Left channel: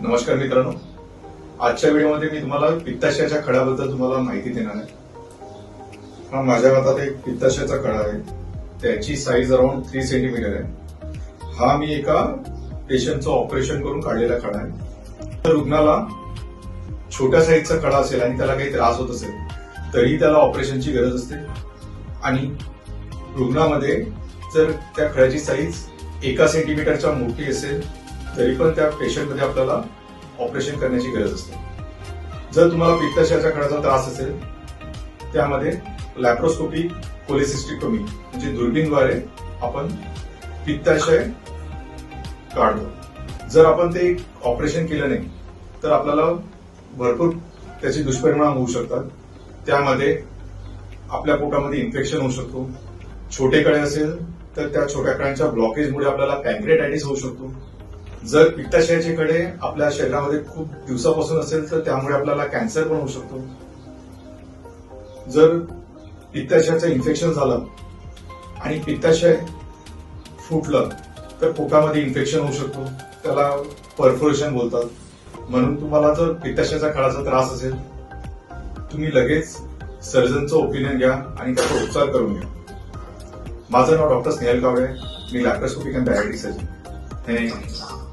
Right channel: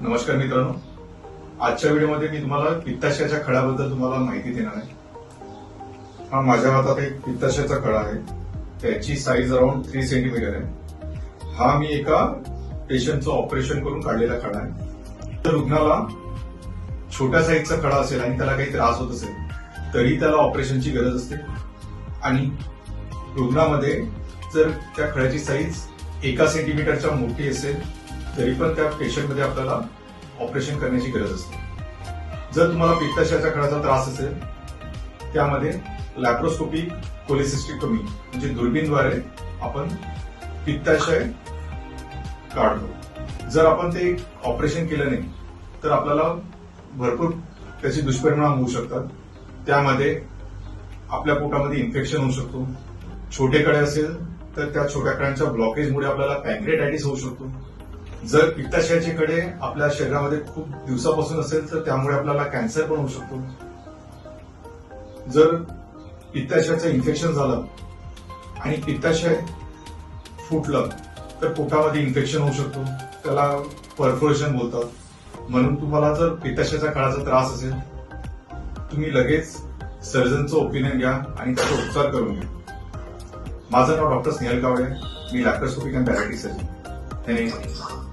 नमस्कार मित्रांनो, आजच्या व्हिडिओमध्ये मी तुम्हाला पित्ताशयाच्या खळ्याबद्दल तुम्हाला माहिती देणार आहे. हा माझ्या हातात एक पित्ताशयाचा खळा आहे. त्याची साईज अराउंड 3 सेंटीमीटर आहे. हा मी एका पेशंटचं ऑपरेशन करून काढलेला खळा आहे. तर रुग्णाला छोट्या साईजचा खळा असेल आणि त्याला काही त्रास होत असेल तरी त्याला ऑपरेशनची गरज असते. आणि रुग्णामध्ये जर त्या खळ्याची साईज 1 सेंटीमीटरच्या मोठी असेल तरी पण त्या पेशंटमध्ये आपल्याला ऑपरेशन करण्याची गरज असते. जर तुम्हाला पित्ताशयाच्या खळ्याचा त्रास असेल त्यामध्ये लॅप्रोस्कोपिक कोलेसिस्टेक्टोमी म्हणजे दुर्बीणद्वारे आपण पित्ताशय काढतो. जर आपण ते ऑपरेशन केलं नाही तर आपल्याला भरपूर त्याचे दुष्परिणाम होऊ शकतात. त्यामध्ये आपल्या पोटामध्ये इन्फेक्शन होऊ शकतो. छोटे कळे असेल तर त्या छोट्या कळ्यांच्या ब्लॉकेजमुळे आपल्याला पॅन्क्रियाटायटिस होऊ शकतो. जर पित्ताशयाचे कडे आपल्या शरीरामध्ये खूप दिवसापासून असेल तर त्यामुळे आपल्याला कॅन्सर पण होऊ शकतो. जर पित्ताशयाचं इन्फेक्शन झालं आणि पित्ताशय फुटलं तर पोटामध्ये इन्फेक्शन होऊ शकतो. त्याला परफोरेशन बोलतात. म्हणून तुम्हाला जर पित्ताशयाच्या कळाचा त्रास असेल तुम्ही लगेच सर्जनचं ओपिनियन घ्या आणि त्याचा उपचार करून घ्या. माझं नाव डॉक्टर स्नेहल कावळे. मी laparoscopic and diabetic surgeon. Thank you.